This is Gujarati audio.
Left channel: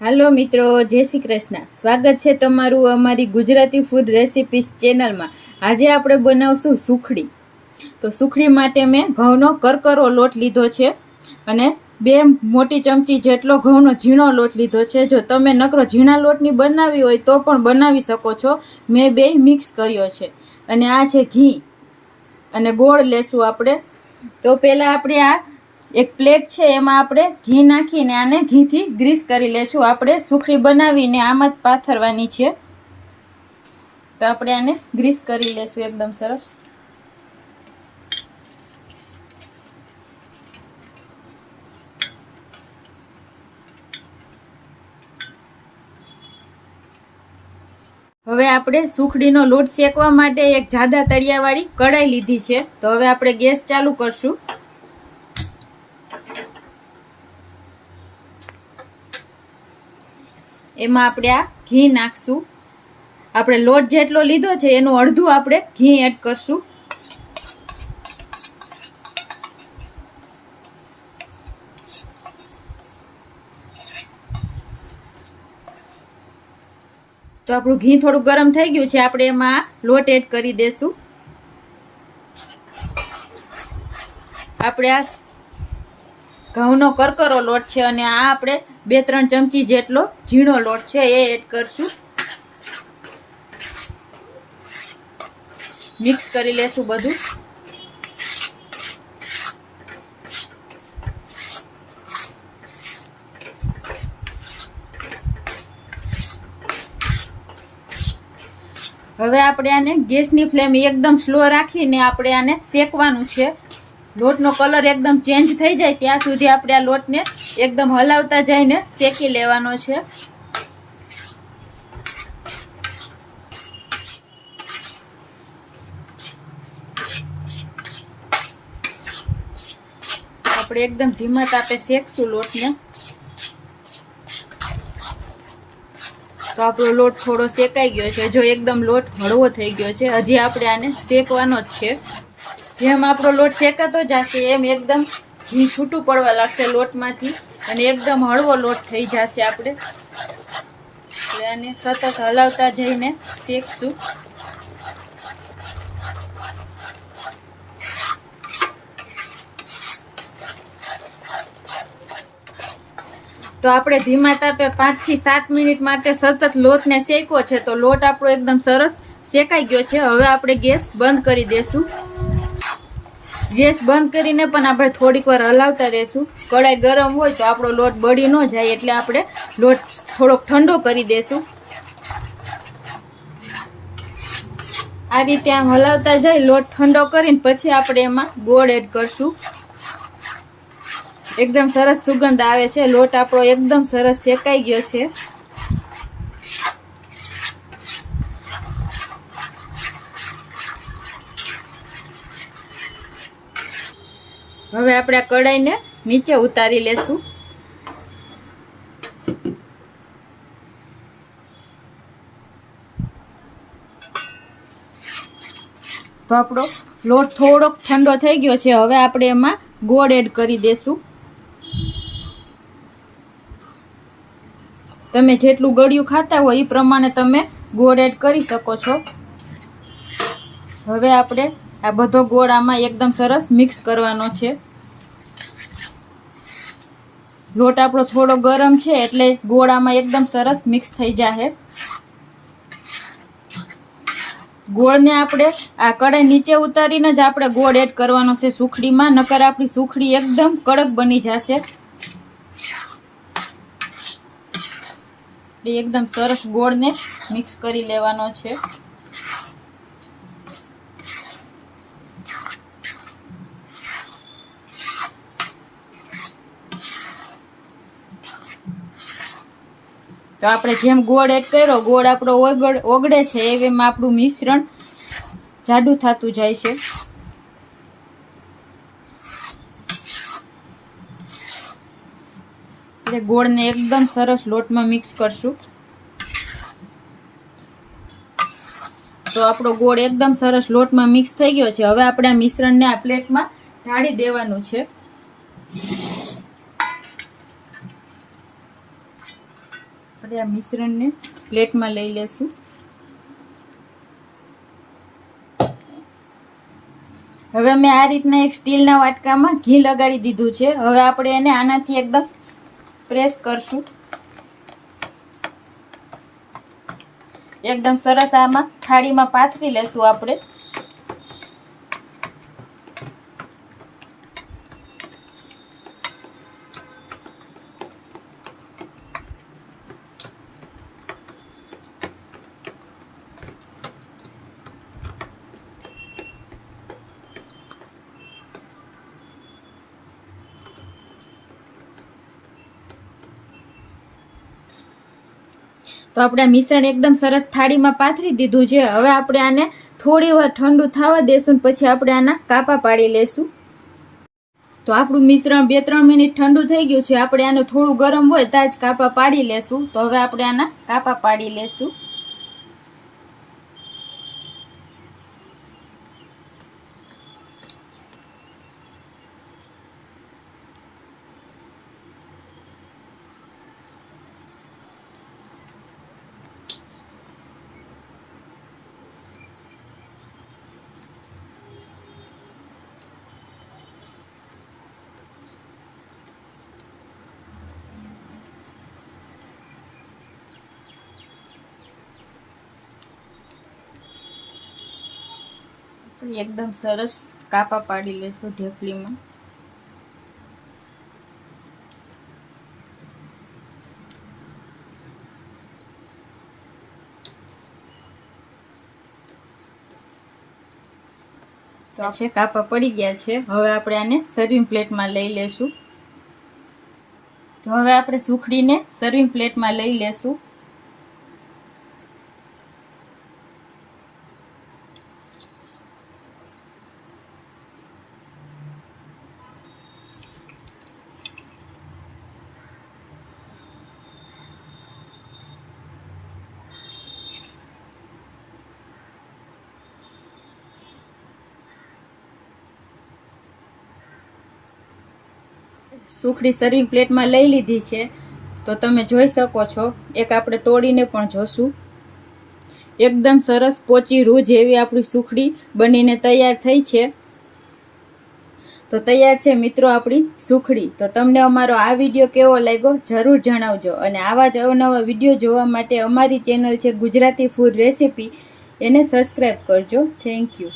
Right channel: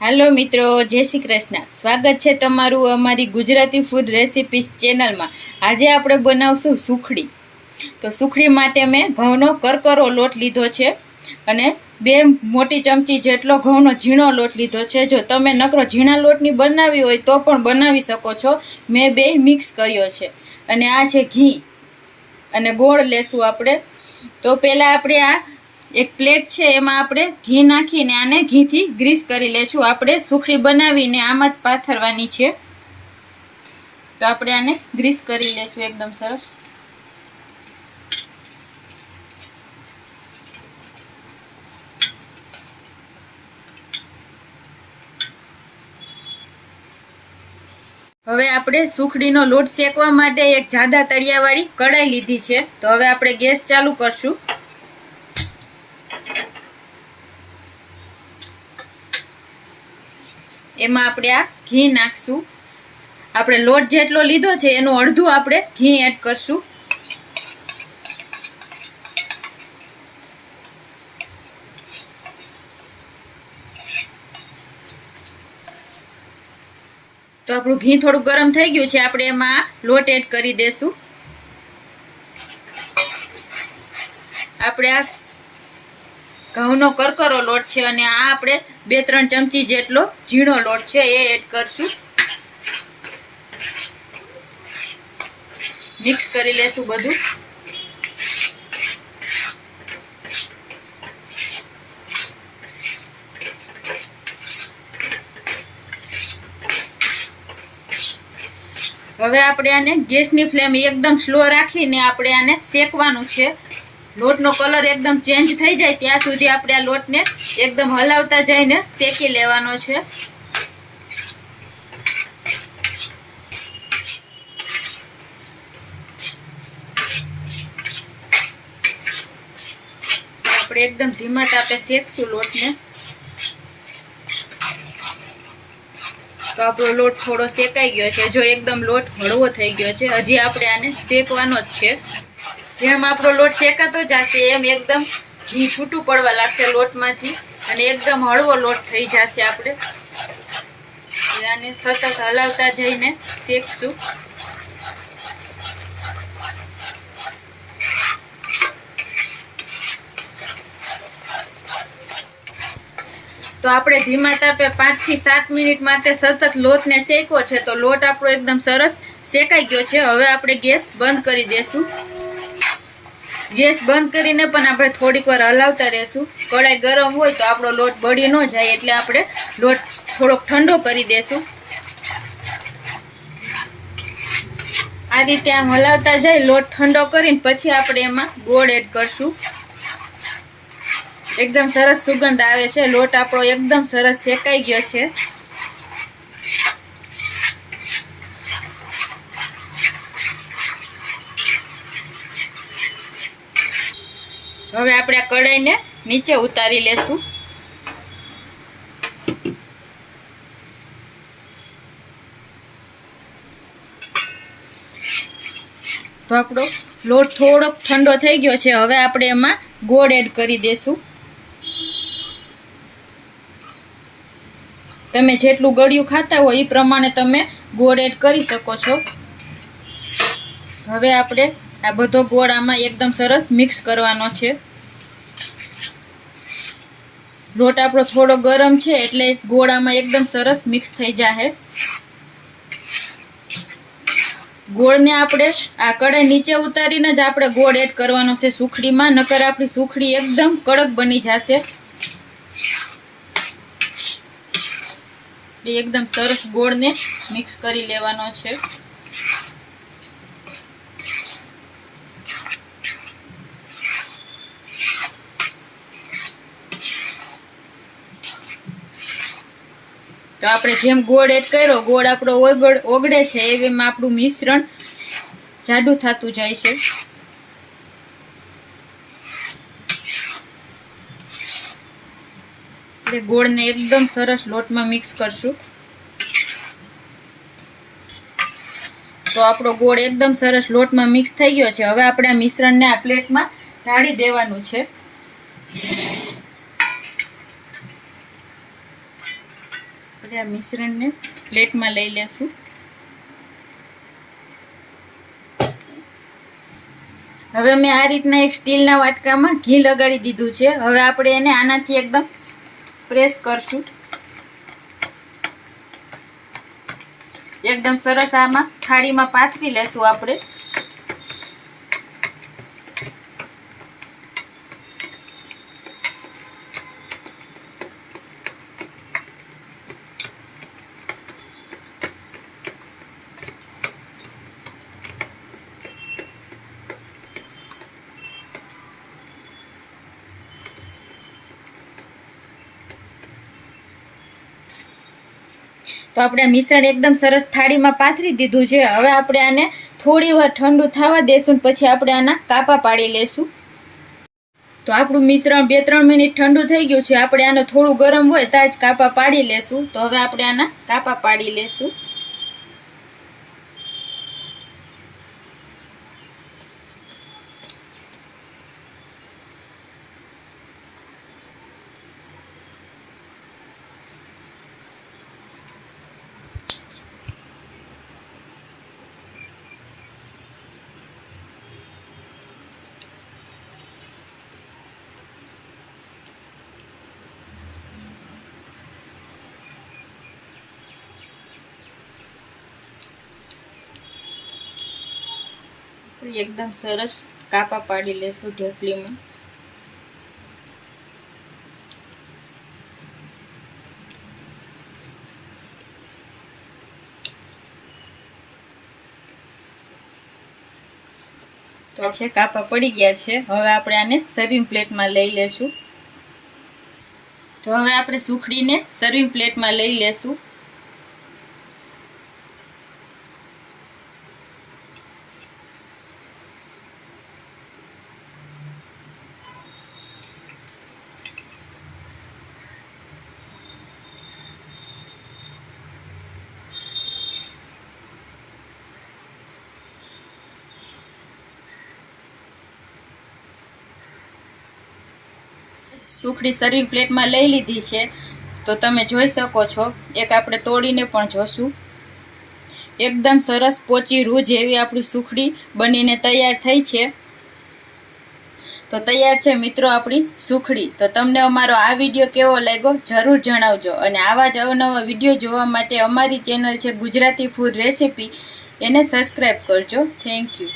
હાલો મિત્રો, જય શ્રી કૃષ્ણ. સ્વાગત છે તમારું અમારી ગુજરાતી ફૂડ રેસિપીસ ચેનલમાં આજે આપણે બનાવશું સુખડી. તો સુખડી માટે મેં ઘઉંનો કરકરો લોટ લીધો છે અને બે મોટી ચમચી જેટલો ઘઉંનો ઝીણો લોટ લીધો છે. જો તમે નકરો ઝીણા લોટની બનાવી હોય તો પણ બનાવી શકો છો. મેં બે મિક્સ કર્યો છે. અને આ છે ઘી. અને ગોળ લેશું આપણે. તો પહેલાં આપણે આ એક પ્લેટ છે, એમાં આપણે ઘી નાખીને આને ઘીથી ગ્રીસ કરી લેશું. આપણે સુખડી બનાવીને આમાં જ પાથરવાની છે. તો આપણે આને ગ્રીસ કરી લેશું એકદમ સરસ. હવે આપણે સુખડીનો લોટ શેકવા માટે એક જાડા તળિયાવાળી કઢાઈ લીધી છે. તો હવે આપણે ગેસ ચાલુ કરશું. એમાં આપણે આ ઘી નાખશું. આપણે લોટ જેટલો લીધો છે, એનું અડધું આપણે ઘી એડ કરશું. તો આપણું ઘી થોડું ગરમ થઈ ગયું છે, આપણે એમાં લોટ એડ કરી દેશું. આપણે આ ઘઉંનો કરકરો લોટ છે અને આ આપણે બે ત્રણ ચમચી જેટલો ઝીણો લોટ છે એ એડ કરશું. મિક્સ કરી લેશું બધું. હવે આપણે આને ગેસની ફ્લેમ એકદમ સ્લો રાખીને આપણે આને શેકવાનું છે. લોટનો કલર એકદમ ચેન્જ થઈ જાય ત્યાં સુધી આપણે આ લોટને એકદમ હલાવતા જઈને શેકી લેવાનો છે. આપણે એકદમ ધીમા તાપે શેકશું લોટને. તો આપણો લોટ થોડો શેકાઈ ગયો છે. જો એકદમ લોટ હળવો થઈ ગયો છે, હજી આપણે આને શેકવાનો જ છે. જેમ આપણો લોટ શેકાતો જશે, એમ એકદમ ઘી છૂટું પડવા લાગશે લોટમાંથી અને એકદમ હળવો લોટ થઈ જશે આપણે. આને સતત હલાવતા જઈને શેકશું. તો આપણે ધીમા તાપે પાંચથી સાત મિનિટ માટે સતત લોટને શેકવો છે, તો લોટ આપણો એકદમ સરસ શેકાઈ ગયો છે. હવે આપણે ગેસ બંધ કરી દેશું. ગેસ બંધ કરીને પણ આપણે થોડીક વાર હલાવતા રહેશું. કડાઈ ગરમ હોય તો આપણો લોટ બળી ન જાય એટલે આપણે લોટ થોડોક ઠંડો કરી દેશું. આ રીતે આમ હલાવતા જાય, લોટ ઠંડો કરીને પછી આપણે એમાં ગોળ એડ કરશું. એકદમ સરસ સુગંધ આવે છે. લોટ આપણો એકદમ સરસ શેકાઈ ગયો છે. હવે આપણે આ કડાઈને નીચે ઉતારી લેશું. તો આપણો લોટ થોડોક ઠંડો થઈ ગયો છે. હવે આપણે એમાં ગોળ એડ કરી દેશું. તમે જેટલું ગળ્યું ખાતા હોય એ પ્રમાણે તમે ગોળ એડ કરી શકો છો. હવે આપણે આ બધો ગોળ આમાં એકદમ સરસ મિક્સ કરવાનો છે. લોટ આપણો થોડો ગરમ છે એટલે ગોળામાં એકદમ સરસ મિક્સ થઈ જશે ગોળને આપણે આ કડાઈ નીચે ઉતારીને જ આપણે ગોળ એડ કરવાનો છે સુખડીમાં, નકર આપણી સુખડી એકદમ કડક બની જશે. એકદમ સરસ ગોળને મિક્સ કરી લેવાનો છે. આપણે જેમ ગોળ એડ કર્યો, ગોળ આપણો ઓગળ, ઓગળે છે એમ આપણું મિશ્રણ જાડું થતું જાય છે. આપણે ગોળને એકદમ સરસ લોટમાં મિક્સ કરશું. તો આપણો ગોળ એકદમ સરસ લોટમાં મિક્સ થઈ ગયો છે. હવે આપણે આ મિશ્રણને આ પ્લેટમાં ઢાળી દેવાનું છે. આપણે આ મિશ્રણને પ્લેટમાં લઈ લેશું. હવે મેં આ રીતના એક સ્ટીલના વાટકામાં ઘી લગાડી દીધું છે. હવે આપણે એને આનાથી એકદમ પ્રેસ કરશું. એકદમ સરસ આમાં થાળીમાં પાથરી લેશું આપણે. તો આપણે આ મિશ્રણ એકદમ સરસ થાળીમાં પાથરી દીધું છે. હવે આપણે આને થોડી વાર ઠંડુ થવા દેશું પછી આપણે આના કાપા પાડી લેશું. તો આપણું મિશ્રણ બે ત્રણ મિનિટ ઠંડુ થઈ ગયું છે. આપણે આનું થોડું ગરમ હોય ત્યાં જ કાપા પાડી લેશું. તો હવે આપણે આના કાપા પાડી લેશું. આપણે એકદમ સરસ કાપા પાડી લેશું ઢેપલીમાં છે કાપા પડી ગયા છે. હવે આપણે આને સર્વિંગ પ્લેટમાં લઈ લેશું. તો હવે આપણે સુખડીને સર્વિંગ પ્લેટમાં લઈ લેશું. સુખડી સર્વિંગ પ્લેટમાં લઈ લીધી છે. તો તમે જોઈ શકો છો, એક આપણે તોડીને પણ જોશું. એકદમ સરસ પોચી રૂ જેવી આપણી સુખડી બનીને તૈયાર થઈ છે. તો તૈયાર છે મિત્રો આપણી સુખડી. તો તમને અમારો આ વીડિયો કેવો લાગ્યો જરૂર જણાવજો. અને આવા જ અવનવા વીડિયો જોવા માટે અમારી ચેનલ છે ગુજરાતી ફૂડ રેસિપી એને સબસ્ક્રાઈબ કરજો. Thank you